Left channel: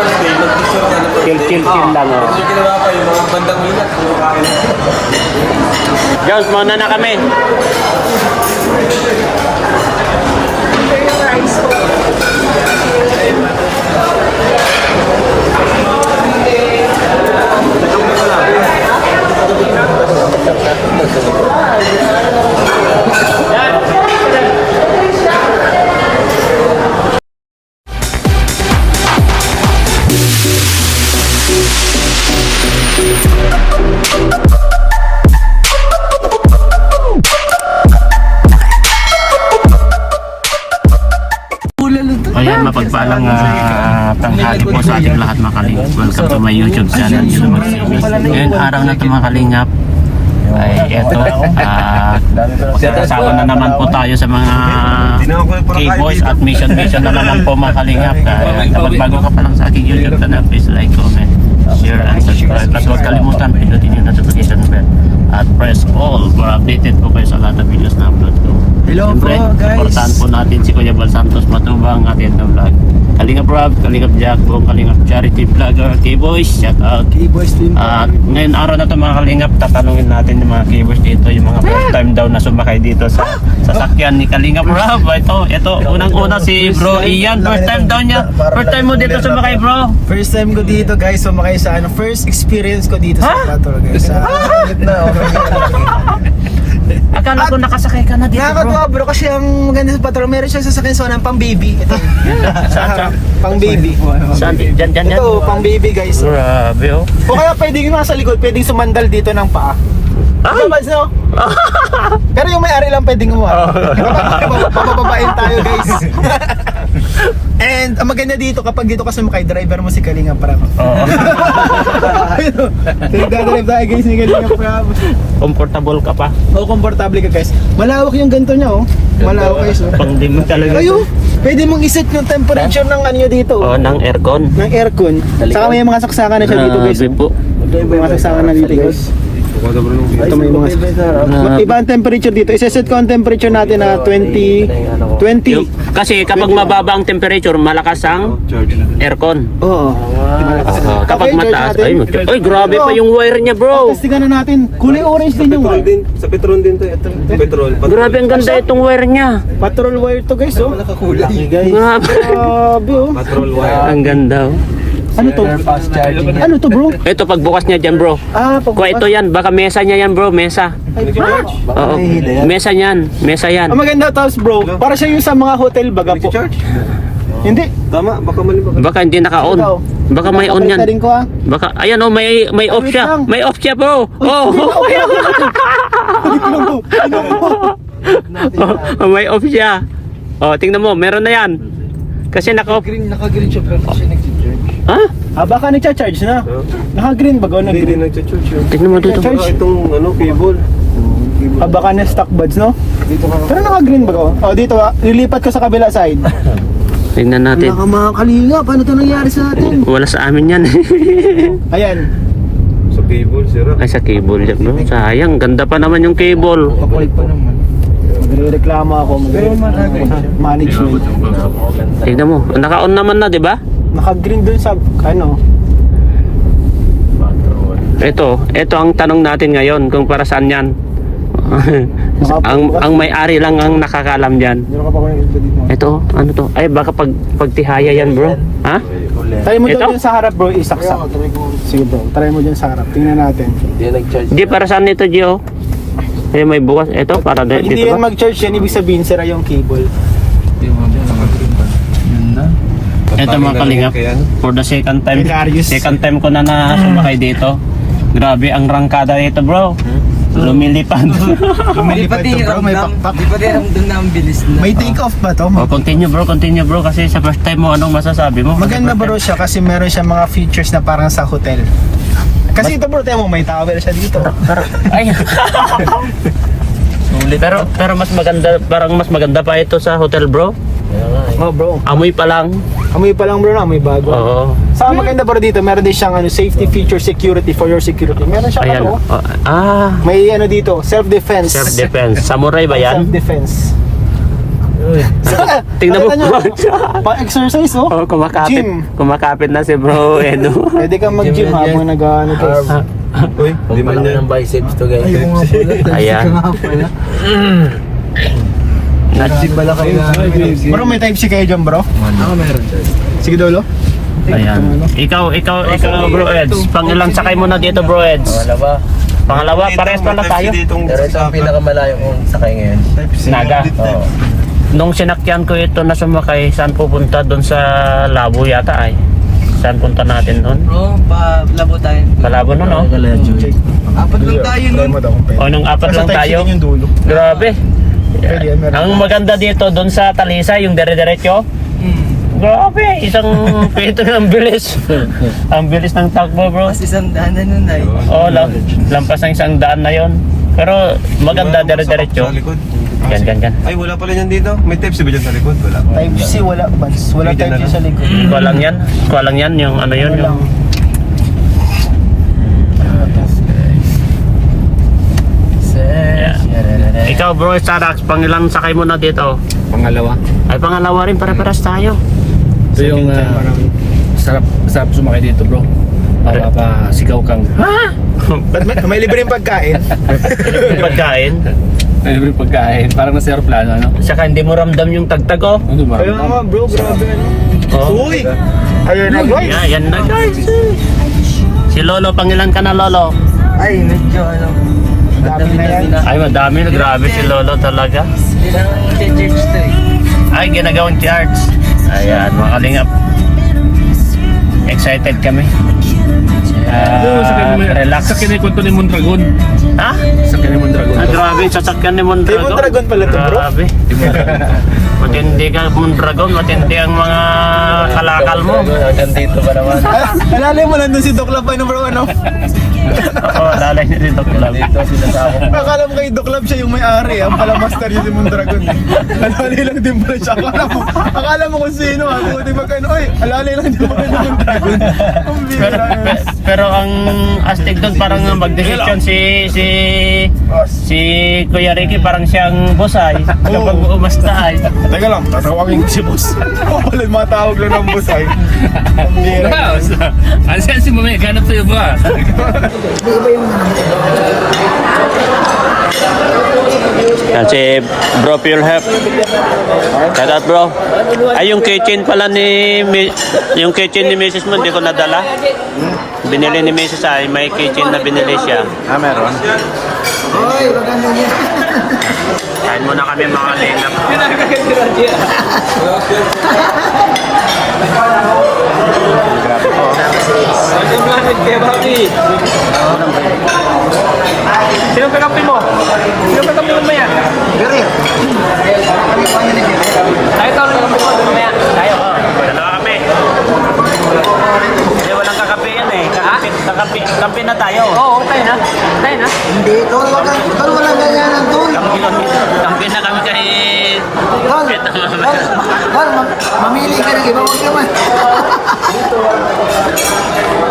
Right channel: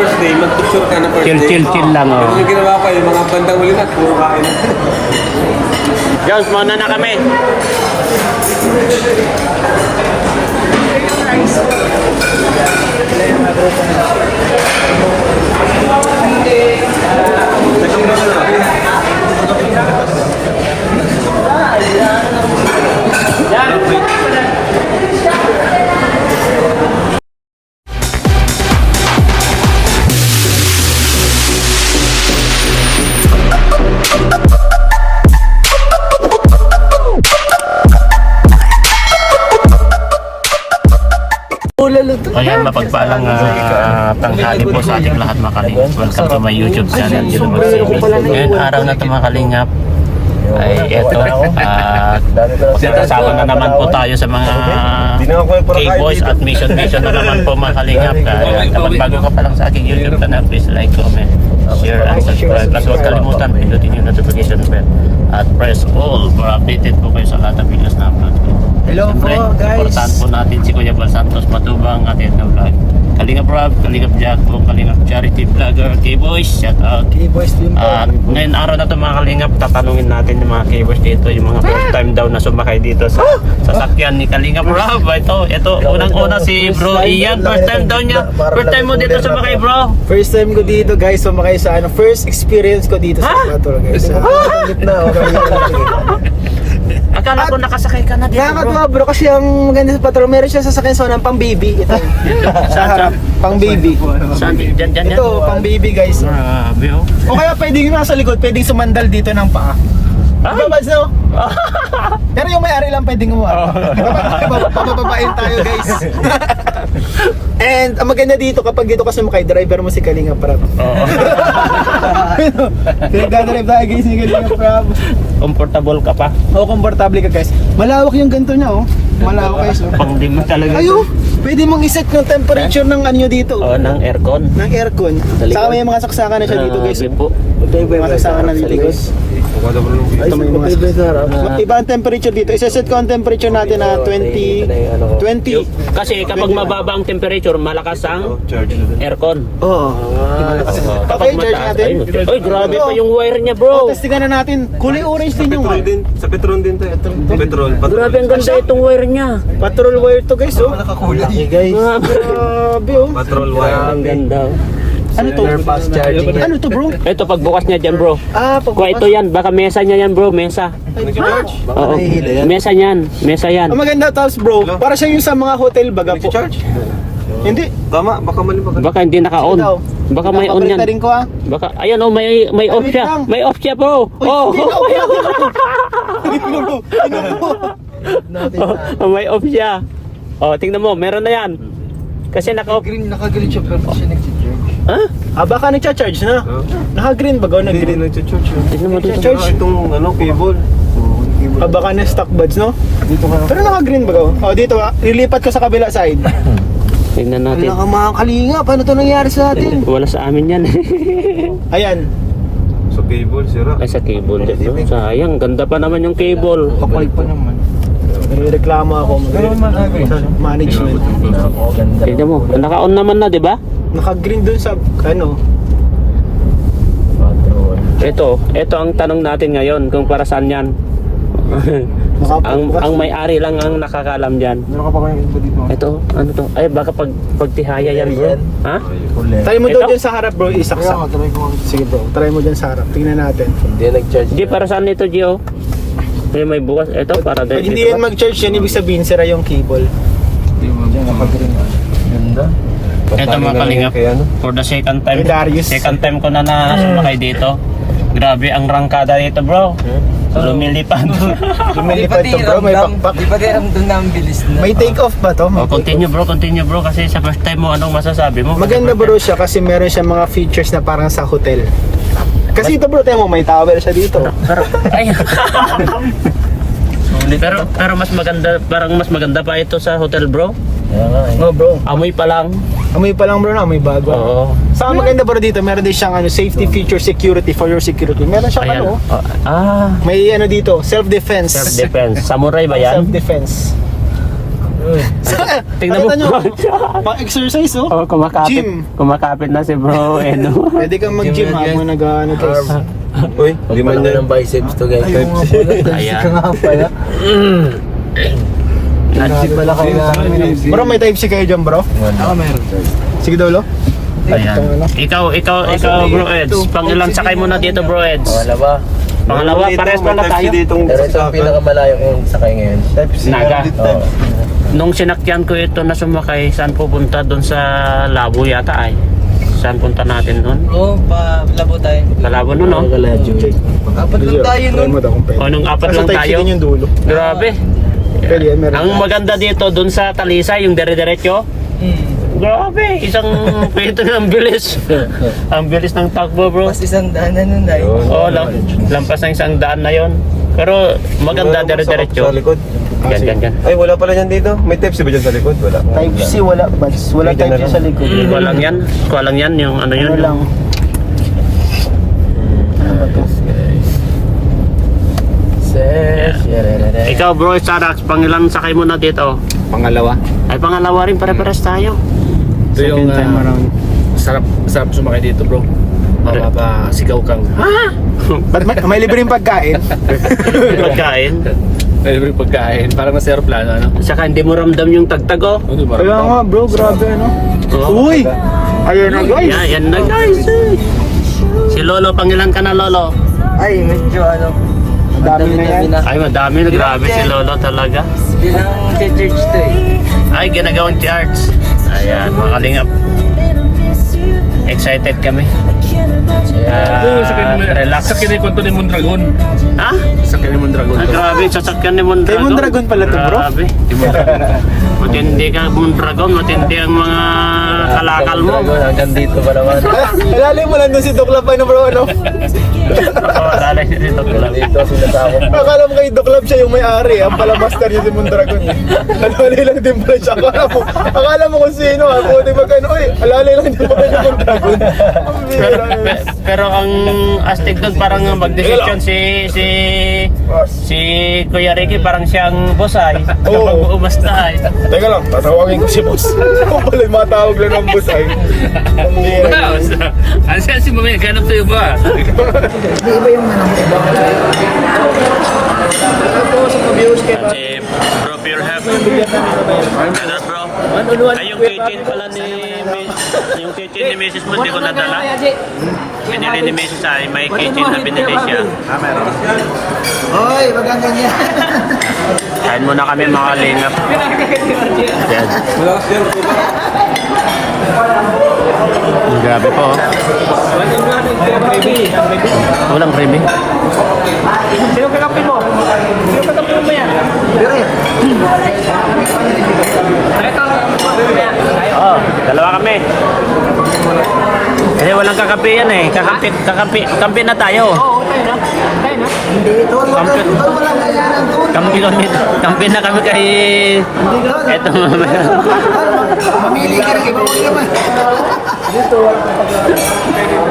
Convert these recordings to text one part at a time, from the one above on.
first day, mag-picture kayo ng first day. Pero yung ginawa ko, yung mga bandang yun, puro kain. Jones, muna na kami. Ayan, mapagpalang tanghali po sa ating lahat mga kalingap. Welcome to my YouTube channel, YouTube Service. Ngayon araw na ito mga kalingap ay eto, kasama na naman po tayo sa mga K-Boys at mission na naman po mga kalingap. Kaya kapag bago ka pa lang sa aking YouTube channel, please like, comment, share and subscribe. Plus huwag kalimutan, pindutin yung notification bell at press all para updated po kayo sa lahat ng videos na upload ko. Hello siyempre, po guys. supportahan po natin si Kuya Bal Santos Matubang atin na vlog. Kalingap Rob, Kalingap Jack, buong Kalingap Charity Vlogger, K-Boys, shout out. K-Boys team. Ngayon araw na ito mga Kalingap, tatanungin natin yung mga K-Boys dito, yung mga first time daw na sumakay dito sa sasakyan ni Kalingap Rob. Ito, unang-una si Bro Ian, first time daw niya. First time mo dito sumakay, bro. First time ko dito guys, sumakay sa first experience ko dito sa Patrol guys. Akala ko nakasakay ka na dito, bro. Nakakatawa bro kasi ang maganda sa Patrol, meron siyang sasakyan sa ng pang baby. Saan? Pang baby. Saan? Diyan. Ito, pang baby guys. Grabe, oh. O kaya pwedeng nasa likod, pwedeng sumandal dito ng paa. Ay! No? Pero yung may-ari lang pwedeng umar. Papababain tayo guys. And ang maganda dito, kapag dito ka sumakay, driver mo si Kalinga Prab. Oo. Nagdadrive tayo guys ni Kalinga Prab. Comfortable ka pa. Oo, komportable ka guys. Malawak yung ganito niya oh. Malawak guys oh. Pang di mo talaga. Ayo, pwede mong iset yung temperature ng ano nyo dito. Oo, ng aircon. Ng aircon. Saka may mga saksakan na siya dito guys. Po. May mga saksakan na dito guys. Ito may mga iba ang temperature dito. Iseset ko ang temperature natin na 20. Kasi kapag mababa ang temperature, malakas ang aircon. Oo. Kapag Okay, mataas, charge natin. ay grabe pa yung wire niya, bro. Testingan na natin. Kulay orange din yung wire. Sa Petron din to. Petrol. Grabe ang ganda itong wire niya. Patrol wire to guys oh. Guys. Grabe. Grabe oh. Patrol wire. Ang ganda. Ano to? Fast charging. Ano to bro? Ito pagbukas niya dyan, bro. Pag Kung ito yan, baka mesa niya yan, bro. Mesa. Oo. Mesa yan. Mesa yan. Ang maganda tapos bro, para siya yung sa mga hotel baga po. Charge? Hindi. Tama, baka mali baka. Baka hindi naka-on. Baka may on yan. Rin ko ah. Baka, ayan oh, may off siya. May off siya, bro. Oh, may off siya. Oh, tingnan mo, meron na yan. Kasi naka-off. Naka-green siya pero kasi nag-charge. Ha? Baka nagcha-charge na. Naka-green ba? Hindi Nag-green. nag-charge. Tingnan mo dito. Charge. Itong cable. Baka na stock buds no? Dito ka. Pero naka-green ba? Dito lilipat ko sa kabila side. Tingnan natin. Wala ka mga kalinga. Paano to nangyari sa atin? Wala sa amin yan. Ayan. So cable, sira. Ay, sa cable yan, bro. Sayang, ganda pa naman yung cable. Kapalit pa naman. Magre-reklamo ako. Management. Tingnan mo, naka-on naman na, di ba? Naka-green dun sa ano. Ito ang tanong natin ngayon kung para saan yan. ang may-ari lang ang nakakalam diyan. Ito, ano to? Ay baka pagtihaya yan, bro. Ha? Try mo daw Ito? dyan sa harap bro, isaksak. Sige bro, try mo dyan sa harap. Tingnan natin. Di para saan ito, Gio? Eh may bukas ito para Pag hindi yan dito. mag-charge yan, ibig sabihin sira yung cable. Ito mga kalingap, for the second time ko na sumakay dito. Grabe ang rangkada dito, bro. Lumilipad. Di pa din ramdam na ang bilis na. May take off ba to? Oh, continue bro kasi sa first time mo anong masasabi mo? Maganda bro siya kasi meron siya mga features na parang sa hotel. Kasi ito bro, tayo mo, may tower siya dito. Ay. pero mas maganda pa ito sa hotel, bro. Oh bro, Amoy pa lang. amoy pa lang bro na, amoy bago. Oo. Saka maganda bro dito, meron din siyang safety feature security for your security. Meron siyang Ayan. May may dito, self-defense. self-defense. Samurai ba yan? Self-defense. Tingnan mo. Nakita nyo, pang-exercise oh. Oh, kumakapit. Gym. Kumakapit na si Bro Edo. Pwede kang mag-gym habang nag-ano guys. Uy, di man yan. ng biceps to guys. Ayan. Pala kailangan. Bro, may type C kayo dyan bro? Oo, meron. Sige dulo. Ayan. Ikaw Bro Eds. Pangilan sakay mo na dito Bro Eds. Wala ba? Pangalawa, parehas pala tayo. Pero ito ang pinakamalayong kong sakay ngayon. Naga. Oo. Nung sinakyan ko ito na sumakay, saan pupunta? Doon sa Labo yata ay. Saan punta natin doon? Bro, palabo tayo. Malabo nun, no? Apat lang tayo nun. O, nung apat lang tayo. yung dulo. Grabe. Pwede yan, meron. Ang maganda dito, doon sa Talisay, yung dire-diretso. Grabe, isang pito ng bilis. Ang bilis ng takbo, bro. Mas isang daan na nun ay. Oo, lampas ng isang daan na yon. Pero maganda, dire-diretso. Sa likod. Yan. Ay, wala pala yan dito. May tips ba dyan sa likod? Wala. Type C wala, Bats. Wala type C sa likod. Walang yan, yung ano yun. Walang. Ikaw, bro, Sarax, pangilan sakay mo na dito? Pangalawa. Ay, pangalawa rin, pare-paras tayo. Ito yung sarap sumakay dito bro. Mapapasigaw kang. Ba't may libreng pagkain? Pagkain. May libre pagkain. Parang nasa aeroplano, ano? Saka hindi mo ramdam yung tagtag, oh. Hindi mo Kaya nga bro, grabe no? Oh. Uy! Ayun na guys! Yan na, guys. Si Lolo, pangilan ka na, Lolo? Ay, medyo ano. Dami na yan. Ay, madami na. Grabe si Lolo talaga. Bilang church to eh. Ay, ginagawang charge. Ayan, mga kalingap. Excited kami. Relax. Sa kinikwento ni Mondragon. Ha? Sa kinikwento ni Mondragon. Ah, grabe, sasakyan ni Mondragon. Kay Mondragon pala to, bro. Grabe. Matindi ka, Mondragon. Matindi ang mga kalakal mo. Hanggang dito pa naman. Alalay mo lang doon si Doc Labay no bro, ano? Oo, lalay niya dito. Dito sila sa ako. Akala mo kay Doc Lab siya yung may-ari. Ang pala master niya si Mondragon. Alalay lang din pala siya. Akala mo kung sino ha. Buti magkano, ay, alalay lang din pala ni Mondragon. Ang bihira yun. Pero ang astig doon parang mag-decision si Kuya Ricky parang siyang bosay. Kapag umasta ay. Teka lang, tatawagin ko si boss. Ako pala yung matawag lang ng boss ay. Ang bihira. Ano siya si Mamaya? Ganap sa'yo ba? Yan si Bro Pure Health. Shout out, bro. Ay, yung kitchen pala yung kitchen ni Mrs. mo, hindi ko nadala. Binili ni Mrs. ay may kitchen na binili siya. Hoy, maganda niya. Kain muna kami mga lingap. Dalawa kami. Eh, walang kakape yan eh. Kakape na tayo. Hindi, tol, wag ka. Tol, wala kailangan, tol. Kape na kami kay... Ito. Tol, mamili ka rin. Iba, wag naman.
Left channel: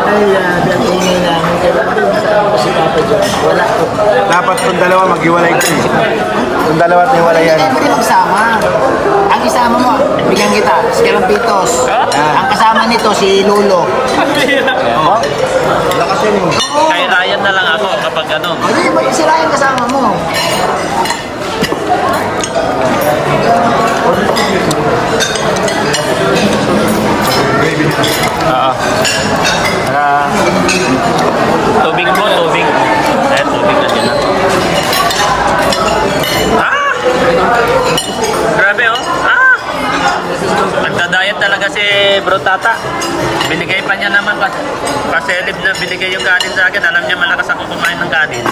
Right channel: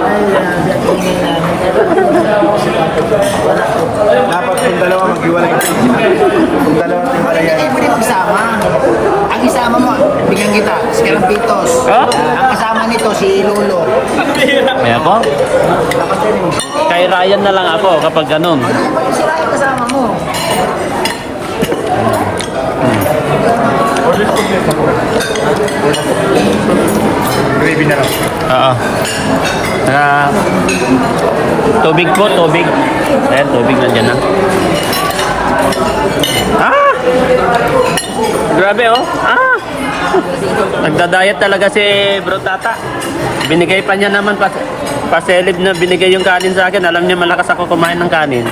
Ay, dating wala. Dapat kung dalawa maghiwalay ka. Kung dalawa maghiwalay yan. Hindi pwede magsama. Ang isama mo, bigyan kita, si Kalampitos. Ang kasama nito, si Lolo. Kay Ryan na lang ako kapag ganun. Hindi pwede sila yung kasama mo. Gravy na lang. Tubig po, tubig. Eh, tubig na siya. Ah! Grabe oh. Ah! Nagda-diet talaga si Bro Tata. Binigay pa niya naman pa-celeb na binigay yung kanin sa akin. Alam niya malakas ako kumain ng kanin.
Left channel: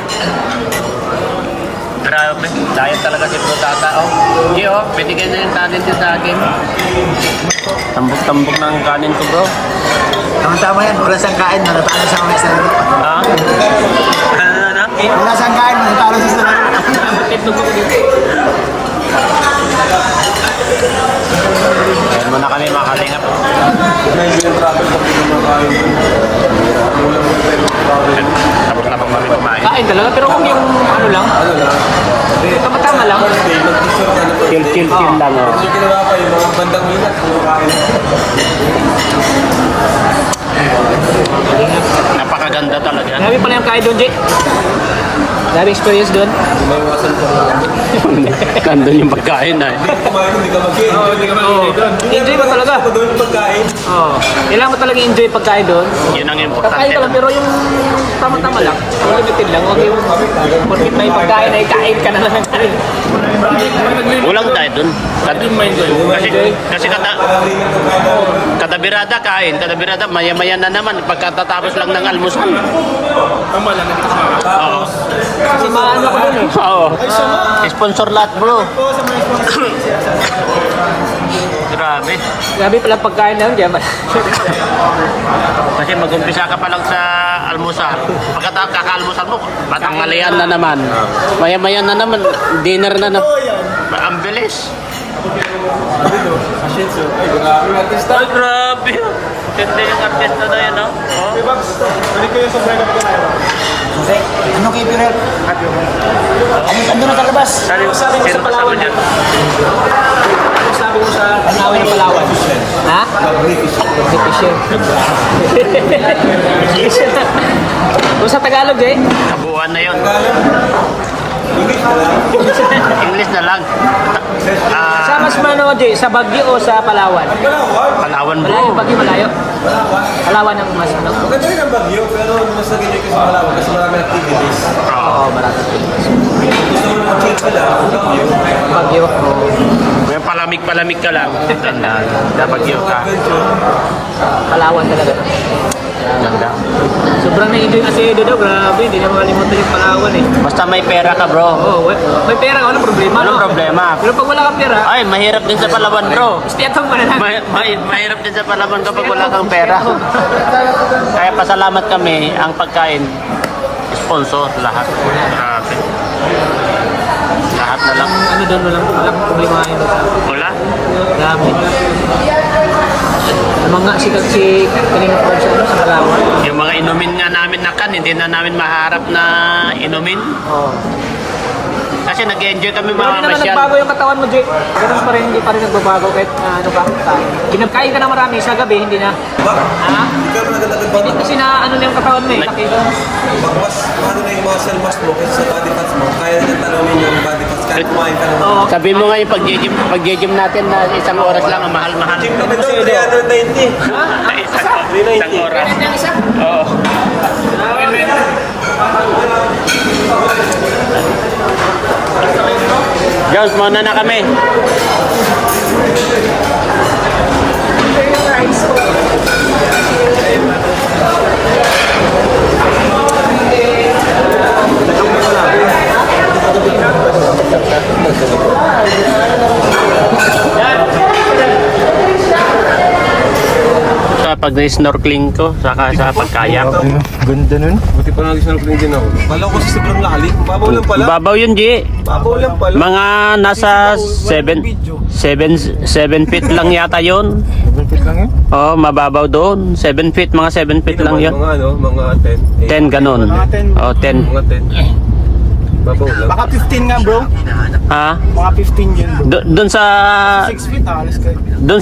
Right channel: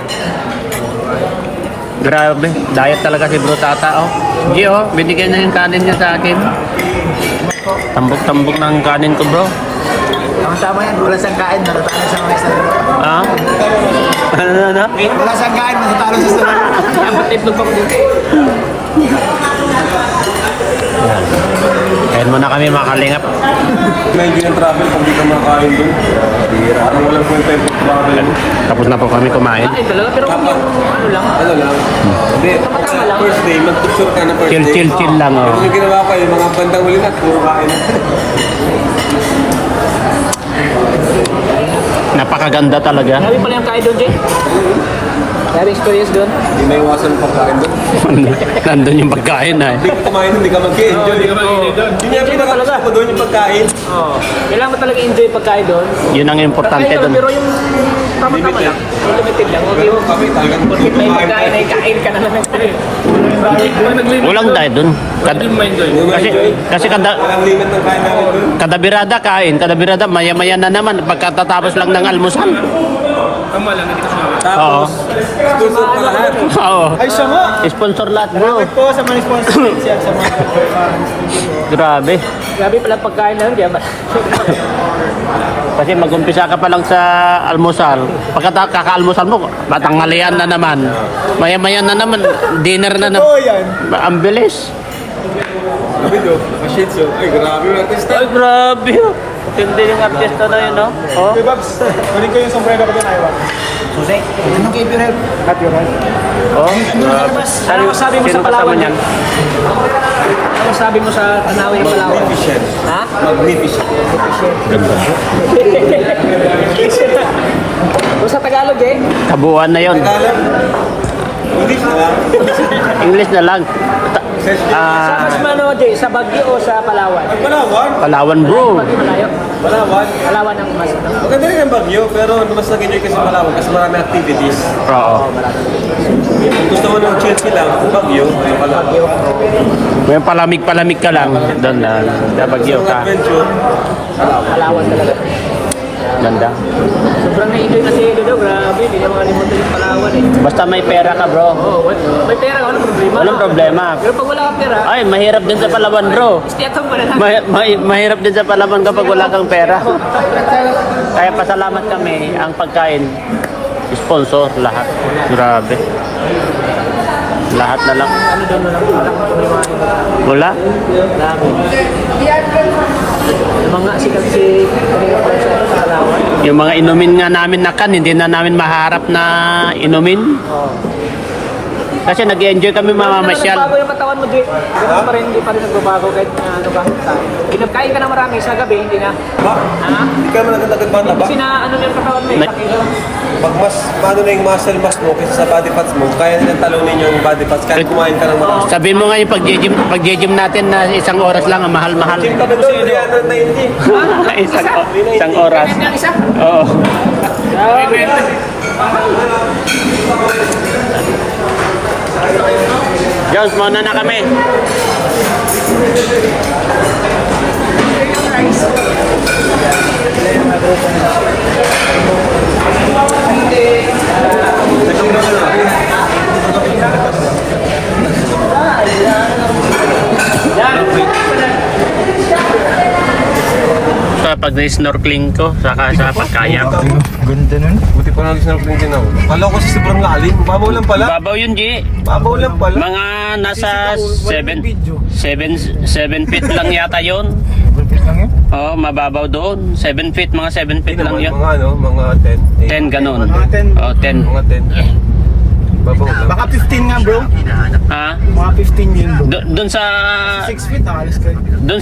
Grabe, diet talaga si Bro Tata. Iyo, binigay na yung kanin niya sa akin. Tambot ng kanin ko. Ang tama yan, wala siyang kain, matatalo sa mga sila. Ano? Wala siyang kain, matatalo sa sila. Titlog ako dito. Kaya muna kami mga kalingap. Tapos lang po kami kumain. Kain na lang, pero kung ano lang. Ano lang? Hindi. Tama lang. first day, mag-picture ka na first day. Chill lang. Ganun yung ginawa ko, yung mga bandang yun at puro kain. Napakaganda talaga. Dami pala yung kain doon, Jake. Dami experience doon. Hindi may iwasan pa kain doon. Ganda yung pagkain ah. Hindi ka kumain doon, hindi ka mag-enjoy. Hindi ka mag-enjoy. Hindi Enjoy ka mo talaga. mag-enjoy doon yung pagkain. Kailangan mo talaga enjoy pagkain doon. Yun ang importante Kaya doon. pero yung Limited. limited lang. Okay, Pero kami talagang bakit may pagkain ay kain ka naman. Walang tayo doon. Kasi Walang limit ng kain namin doon. kada birada kain, kada birada maya-maya na naman pagkatatapos lang ng almusal. Tapos, susunod pa lahat. Ay, siya nga. Sponsor lahat bro. Po sa mga sponsor, share sa mga Grabe. Grabe pala pagkain lang diyan. Kasi mag-umpisa ka pa lang sa almusal. Pagkatapos kaka-almusal mo, batanghalian na naman. Maya-maya na naman, dinner na naman. Oo, yan. Ang bilis. Video, Ashitsu. Ay, grabe yung artista. Ay, grabe. Hindi yung artista na yun, no? Oh. Hey, Babs, balik ko yung sobrang kapatid ko. Jose, anong kay Pirel? Ando na sa labas. Sino Sabi mo sa kasama Palawan niyan? Ano sabi mo sa Tanawin Palawan? Ha? Magnificent. Efficient. Kung sa Tagalog eh. Kabuuan na yun. Tagalog. English na lang. English na lang. Sa mas mano Jay, sa Baguio o sa Palawan? Ang Palawan. Palawan bro. Baguio malayo. Palawan. Palawan ang mas ano. Maganda rin ang Baguio, pero mas nag-enjoy ka sa Palawan kasi maraming activities. Oo. Kung gusto mo ng chill lang, Baguio, ay Palawan. Kung palamig-palamig ka lang, doon lang. Dabagyo Kung ka. adventure, Palawan. Ganda. Sobrang na-enjoy na si Edo daw. Grabe, hindi na makalimutan yung Palawan eh. Basta may pera ka bro. Oo, may pera, walang problema. Walang problema. Pero pag wala kang pera, Ay, mahirap din sa Palawan bro. stay at home ka na lang. Mahirap din sa Palawan kapag wala kang pera. Kaya pasalamat kami, ang pagkain, sponsor, lahat. Grabe. Lahat na lang. Ano doon, walang may kain. Wala? Grabe. Mga si kanina po sa Palawan. Yung mga inumin nga namin na kan, hindi na namin maharap na inumin. Kasi nag-enjoy kami Hindi naman mamamasyal. nagbago yung katawan mo, Jay. Ganun pa rin, hindi pa rin nagbabago kahit ano pa. Kinagkain ka na marami sa gabi, hindi na. ba? Ha? Hindi ka naman nagdadagdag ba? Kasi na ano na yung katawan mo eh. Pag mas, paano na yung muscle mass mo kasi sa body parts mo, kaya nang talawin yung body parts, kahit kumain ka lang naman. Sabi mo nga yung pag-gym natin na isang oras lang, ang mahal-mahal. Chill kami doon, 390. Isang oras. Yung isa? Oo. Jones, mauna na kami. Sa pag-snorkeling ko, saka sa pagkayak. Ganda nun. Buti pa nag-snorkeling din ako. Kala ko sa sobrang lalim. Babaw lang pala. Babaw yun, G. Babaw lang pala. Mga nasa 7 feet lang yata yun. Buntis lang yan. Oo, mababaw doon. 7 feet, mga 7 feet lang yun. Mga ano, mga 10. 10 ganun. Mga 10. Oh, 10. Mga 10. Babaw lang. Baka 15 nga bro. Ha? Mga 15 yun bro. Doon sa 6 feet, alis kayo. doon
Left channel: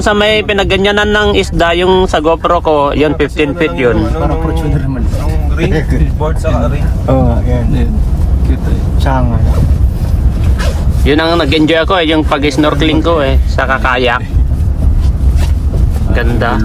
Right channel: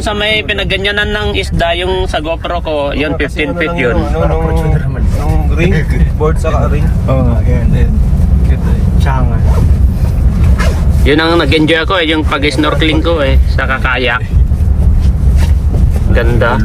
sa may pinagganyanan ng isda yung sa GoPro ko, yun 15 feet yun. Ang ring, board sa ring. Oo, yan. Cute eh. Sangan. Yun ang nag-enjoy ako yung pag-snorkeling ko sa kakayak. Ganda.